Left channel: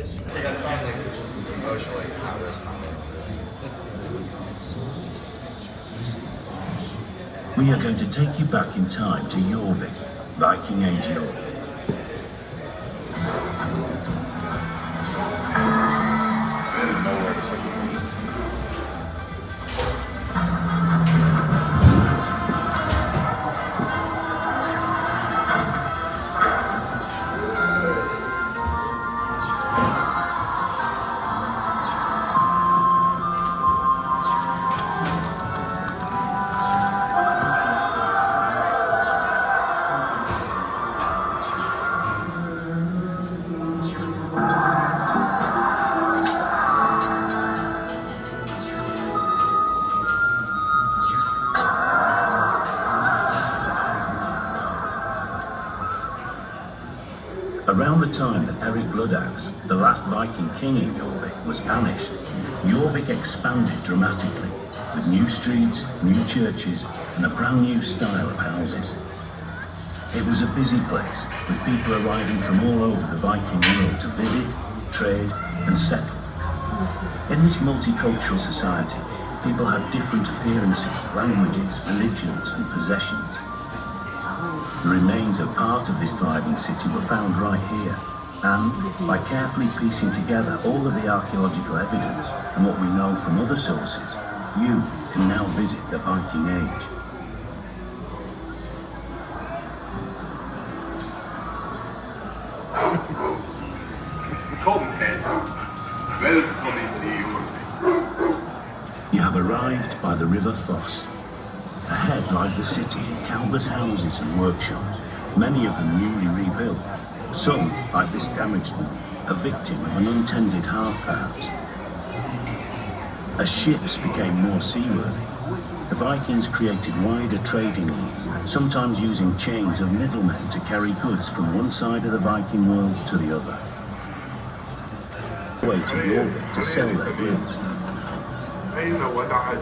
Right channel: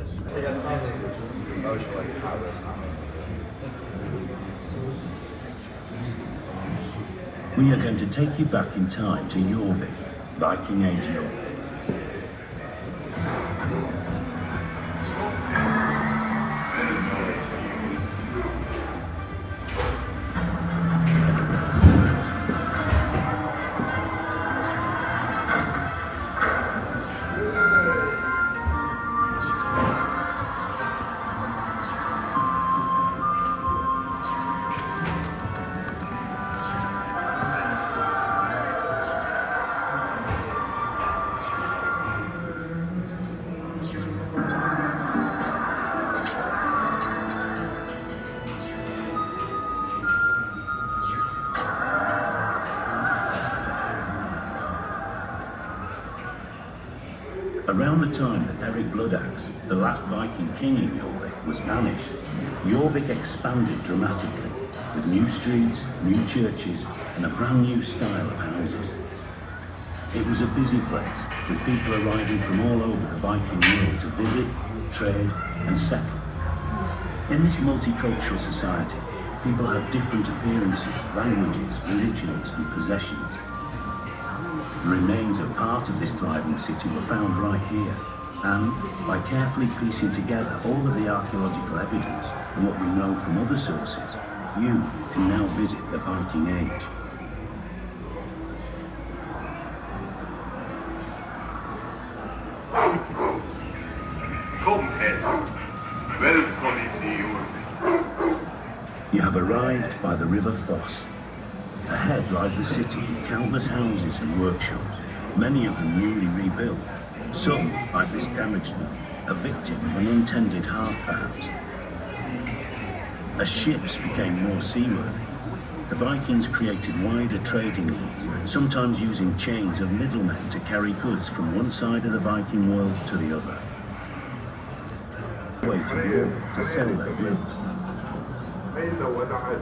Emotionally, how this happened. We are going to take you back in time to Jorvik, Viking Age York. Around the time that Eric Bloodaxe, the last Viking king in Jorvik, was banished, Jorvik expanded dramatically, with new streets, new churches, and a brand new style of houses. It was a busy place, with people arriving from all over the Viking world to visit, trade, and settle. In this multicultural society, people had different appearances, languages, religions, and possessions. The remains of part of this thriving city were found right here, and by carefully piecing together all of the archaeological evidence and what we know from other sources, you can now visit the Viking Age. You have arrived by the River Foss. Ahead lies the city with countless houses and workshops, many of them newly rebuilt. Some, like this damaged one, a victim of an untended hearth perhaps. As ships became more seaworthy, the Vikings created wider trading links, sometimes using chains of middlemen to carry goods from one side of the Viking world to the other. Way to Jorvik to sell their goods.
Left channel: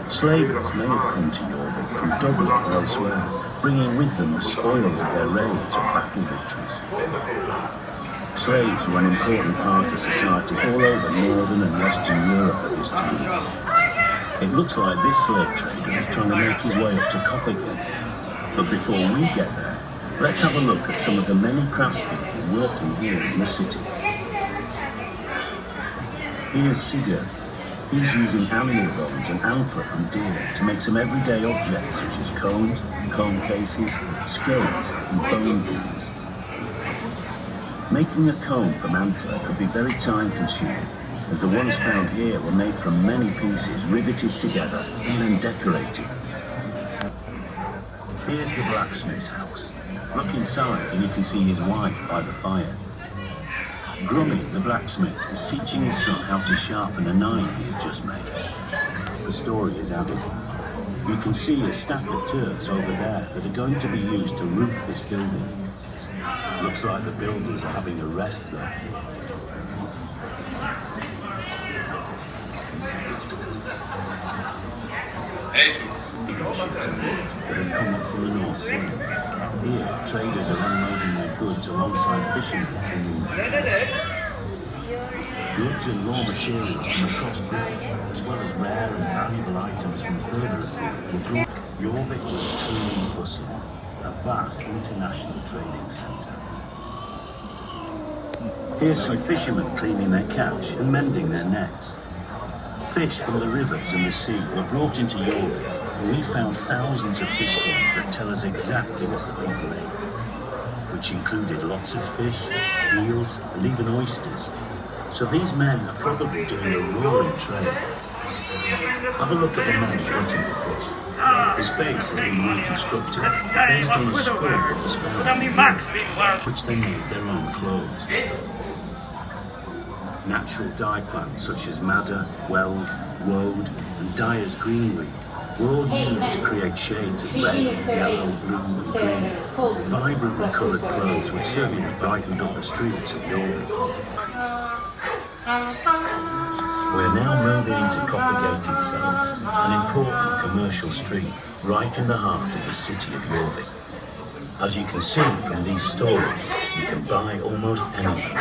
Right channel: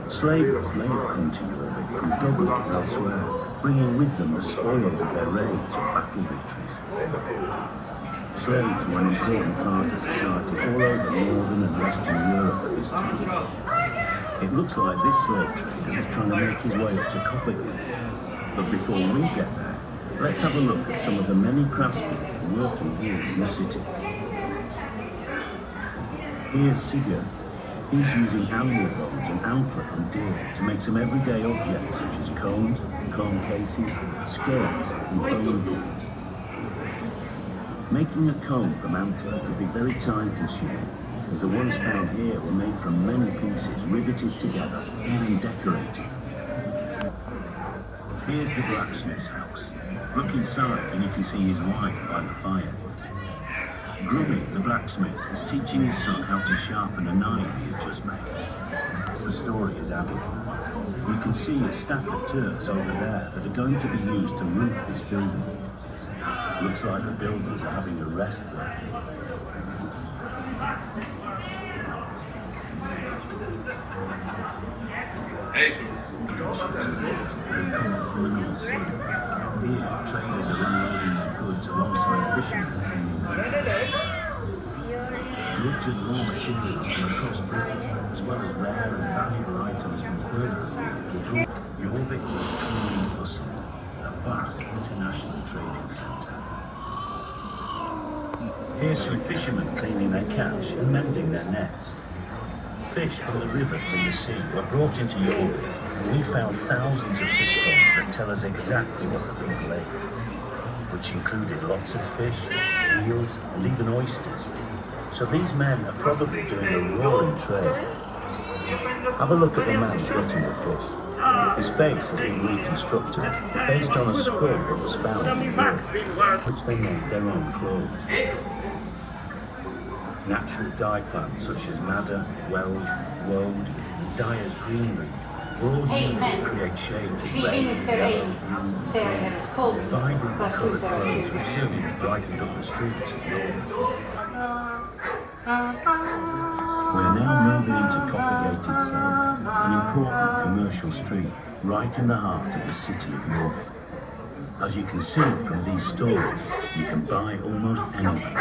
Slavers may have come to Jorvik from Dublin and elsewhere, bringing with them the spoils of their raids or battle victories. Slaves were an important part of society all over Northern and Western Europe at this time. It looks like this slave trader is trying to make his way up to Copenhagen. But before we get there, let's have a look at some of the many craftspeople working here in the city. Here's Sigurd. He's using animal bones and antler from deer to make some everyday objects such as combs, comb cases, skates, and bone pins. Making a comb from antler could be very time-consuming, as the ones found here were made from many pieces riveted together and then decorated. Here's the blacksmith's house. Look inside and you can see his wife by the fire. Grummy, the blacksmith, is teaching his son how to sharpen a knife he has just made. The story is added. You can see a stack of turfs over there that are going to be used to roof this building. Looks like the builders are having a rest though. They've come up from the north side. Here, traders are unloading their goods alongside fishermen. Goods and raw materials from across Britain, as well as rare and valuable items from further afield, were brought. Jorvik was truly bustling, a vast international trading centre. Here's some fishermen cleaning their catch and mending their nets. Fish from the rivers and the sea were brought into Jorvik, and we found thousands of fish bones that tell us exactly what the people ate, which included lots of fish, eels, and even oysters. So these men are probably doing a roaring trade. Have a look at the man gutting the fish. His face has been reconstructed based on a skull that was found in the river, which they made their own clothes. Natural dye plants such as madder, weld, woad, and dyer's greenery were all used to create shades of red, yellow, blue, and green. Vibrantly coloured clothes would certainly have brightened up the streets of Jorvik. We're now moving into Coppergate itself, an important commercial street right in the heart of the city of Jorvik. As you can see from these stores, you can buy almost anything.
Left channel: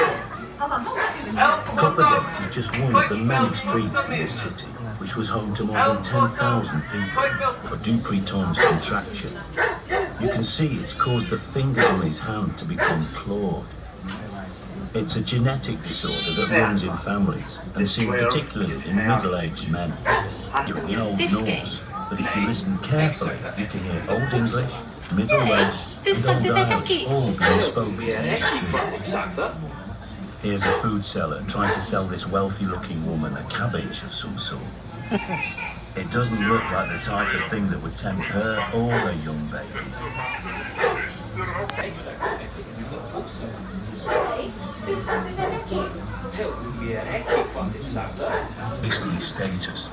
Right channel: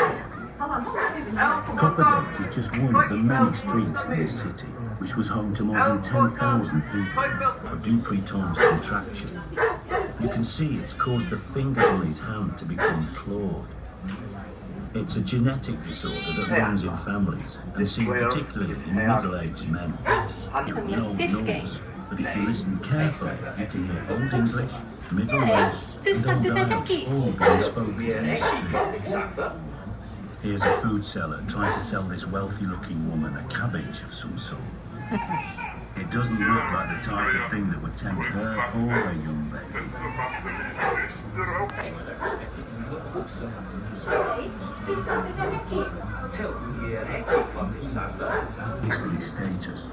Coppergate is just one of the many streets in this city, which was home to more than 10,000 people, a Dupreton's contraction. You can see it's caused the fingers on his hand to become clawed. It's a genetic disorder that runs in families, and seen particularly in middle-aged men. You're an old Norse, but if you listen carefully, you can hear Old English, Middle Welsh, and Old Irish all being spoken in this street. Here's a food seller trying to sell this wealthy-looking woman a cabbage of some sort. It doesn't look like the type of thing that would tempt her or a young baby. Beastly status.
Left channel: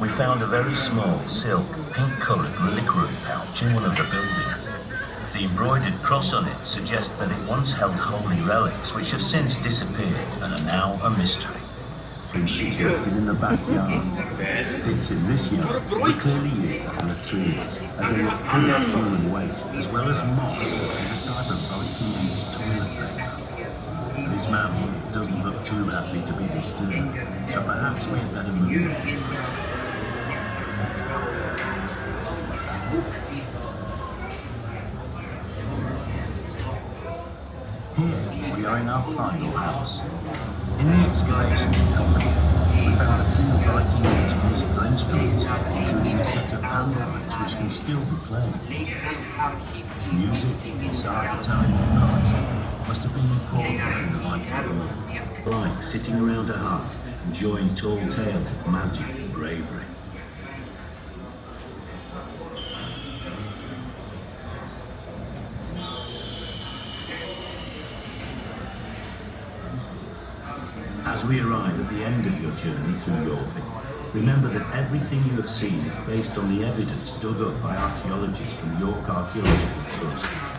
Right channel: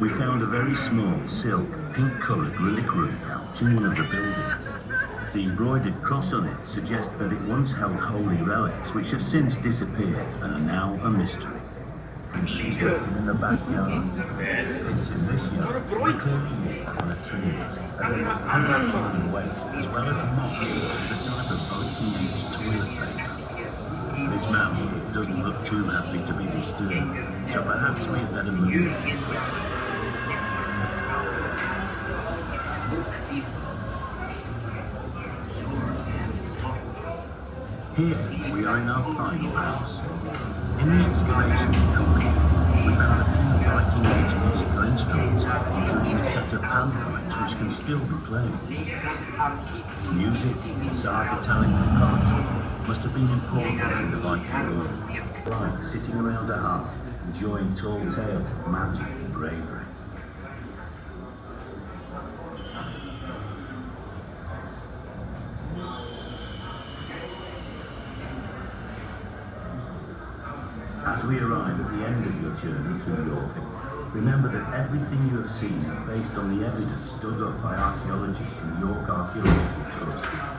We found a very small, silk, pink-coloured reliquary pouch in one of the buildings. The embroidered cross on it suggests that it once held holy relics which have since disappeared and are now a mystery. Situated in the backyard. It's in this yard we clearly used as a tree, as there was plenty of fallen waste, as well as moss, which was a type of Viking Age toilet paper. This man doesn't look too happy to be disturbed, so perhaps we'd better move on. Here we are in our final house. In the exploration we found a few Viking Age musical instruments, including a set of panpipes which can still be played. Music, storytelling and poetry must have been important in the Viking world, like sitting around a hearth, enjoying tall tales of magic and bravery. As we arrive at the end of your journey through Jorvik, remember that everything you have seen is based on the evidence dug up by archaeologists from York Archaeological Trust.